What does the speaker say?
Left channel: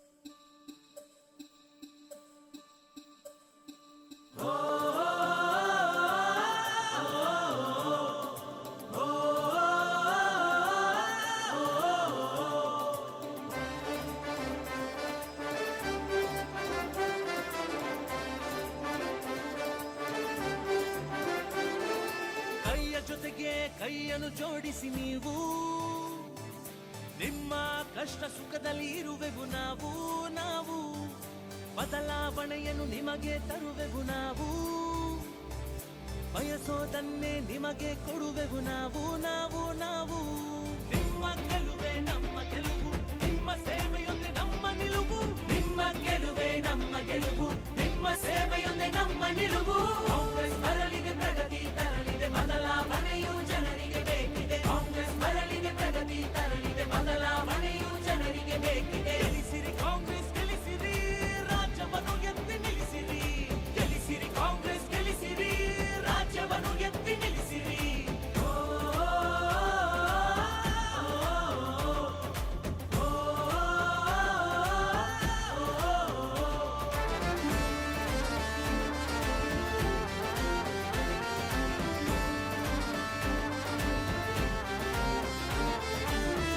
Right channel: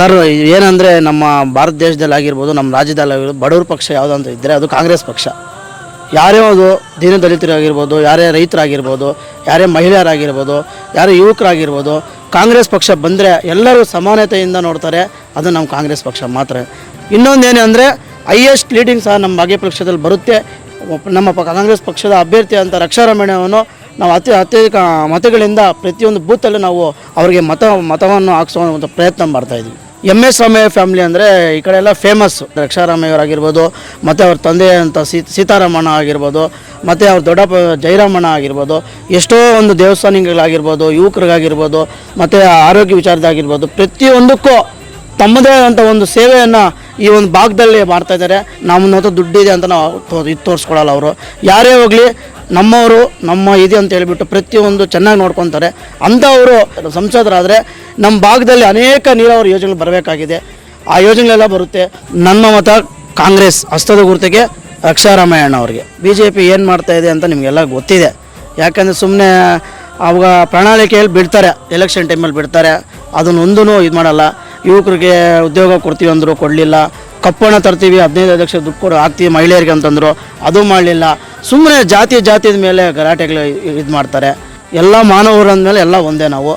Sir ಏನಂದರೆ ನಮ್ಮ ಭಾರತ ದೇಶದಲ್ಲಿ ಆಗಿರ್ಬೋದು, ನಮ್ಮ ರಾಜ್ಯದಲ್ಲಿ ಆಗಿರ್ಬೋದು, ಬಡವ್ರ ಪಕ್ಷ ಯಾವುದಂತ ಇದ್ದರೆ ಅದು ಕಾಂಗ್ರೆಸ್ ಪಕ್ಷ. ಯಾರೇ ಅದು ದೀನದಲಿತರಾಗಿರ್ಬೋದು, ಯಾರೇ ರೈತರಾಗಿರ್ಬೋದು, ಯಾರೇ ಮಹಿಳೆಯರಾಗಿರ್ಬೋದು, ಯಾರೇ ಯುವಕರಾಗಿರ್ಬೋದು, ಕಾಂಗ್ರೆಸ್ ಪಕ್ಷ ಬಂದರೆ ಎಲ್ಲರೂ ಸಮಾನತೆಯಿಂದ ನೋಡ್ತಾರೆ. ಅದು ನಮ್ಮ ಕಾಂಗ್ರೆಸ್ ಪಕ್ಷ ಮಾತ್ರ. ಇನ್ನೊಂದೇನೆ ಅಂದರೆ ಹೈಯೆಸ್ಟ್ ಲೀಡಿಂಗ್ ಸಹ ನಮ್ಮ ಭಾಗ್ಯ ಪಕ್ಷದಲ್ಲಿ ಬರುತ್ತೆ. ನಮ್ಮ ಕಾಂಗ್ರೆಸ್ ಪಕ್ಷದ ಅಭ್ಯರ್ಥಿ ಅಂತ ರಕ್ಷಾರಾಮಣ್ಣವನ್ನು ನಾವು ಅತ್ಯಧಿಕ ಮತಗಳಿಂದ ಪ್ರತಿಯೊಂದು ಬೂತಲ್ಲೂ ನಾವು ಅವರಿಗೆ ಮತವನ್ನು ಹಾಕಿಸುವಂಥ ಪ್ರಯತ್ನ ಮಾಡ್ತಾಯಿದ್ವಿ. MS ರಾಮಯ್ಯ ಫ್ಯಾಮಿಲಿ ಅಂದರೆ ಈ ಕಡೆ ಎಲ್ಲ ಫೇಮಸ್. ರಕ್ಷಾರಾಮಯ್ಯವರಾಗಿರ್ಬೋದು, ಮತ್ತು ಅವ್ರ ತಂದೆ ಅಂತ ಸೀತಾರಾಮಣ್ಣ ಆಗಿರ್ಬೋದು, ಮತ್ತು ಅವ್ರ ದೊಡ್ಡಪ್ಪ ಜಯರಾಮಣ್ಣ ಆಗಿರ್ಬೋದು, ಎಷ್ಟೋ ಒಂದು ದೇವಸ್ಥಾನಗಳಾಗಿರ್ಬೋದು, ಯುವಕರಿಗಾಗಿರ್ಬೋದು, ಮತ್ತು ಆರೋಗ್ಯ ವಿಚಾರದಾಗಿರ್ಬೋದು, ಪ್ರತಿಯೊಂದಕ್ಕೂ ತಮ್ಮದೇ ಆದಂಥ ಒಂದು ಸೇವೆಯನ್ನು ಈ ಒಂದು ಭಾಗದಲ್ಲಿ ಮಾಡ್ತಾಯಿದ್ದಾರೆ. ನಮ್ಮನ್ನ ದುಡ್ಡಿದೆ ಅಂತ ನಾವು ಇದು ತೋರಿಸ್ಕೊಡಲ್ಲ. ಅವರು ಯಾರೇ ಹೋಗಲಿ ನಮ್ಮವರು ನಮ್ಮ ಇದೆ ಅಂತ ಹೇಳಿಬಿಟ್ಟು ಪ್ರತಿಯೊಂದು ಚೆನ್ನಾಗಿ ನೋಡ್ಕೊತಾರೆ. ಅಂಥವರು ಸಂಸದರಾದರೆ ನಮ್ಮ ಭಾಗದಲ್ಲಿ ಅನೇಕ ನೀರಾವರಿ ಯೋಜನೆಗಳು ಬರಬೇಕಾಗಿದೆ. ಆ ಯೋಜನೆಗಳೆಲ್ಲ ಬರುತ್ತೆ. ನನ್ನ ಮತ ಕಾಂಗ್ರೆಸ್ ಹಸ್ತದ ಗುರುತಿಗೆ ರಕ್ಷಾರಾಮಯ್ಯಣ್ಣ ಅವರಿಗೆ. BJP ಏನು ಮಾಡ್ತಾಯಿದೆ ಅಂತ ನಿಮಗೆಲ್ಲ ಗೊತ್ತಿದೆ. ಯಾಕಂದರೆ ಸುಮ್ಮನೆ ಅವಾಗ ಪ್ರಣಾಳಿಕೆಯಲ್ಲಿ ಬಿಡ್ತಾರೆ, ಎಲೆಕ್ಷನ್ ಟೈಮಲ್ಲಿ ಬಿಡ್ತಾರೆ, ಅದನ್ನೊಂದೂ ಇದು ಮಾಡಲ್ಲ. ಯುವಕರಿಗೆ ಉದ್ಯೋಗ ಕೊಡ್ತೀವಿ ಅಂದರು, ಕೊಡಲಿಲ್ಲ. ಕಪ್ಪಣ ತರ್ತೀವಿ 15 ಲಕ್ಷ ದುಡ್ಡು ಕೊಡು ಹಾಕ್ತೀವಿ ಮಹಿಳೆಯರಿಗೆ ಅಂತಂದರು, ಅದು ಮಾಡಲಿಲ್ಲ. ಸುಮ್ಮನೆ ಜಾತಿಯ ಮೇಲೆ ಗಲಾಟೆಗಳು ಇದು ಮಾಡ್ತಾರೆ. ಎಲ್ಲ ಮಾನವರ ಅಂದಮೇಲೆ ಎಲ್ಲ ಒಂದೇ ನಾವು.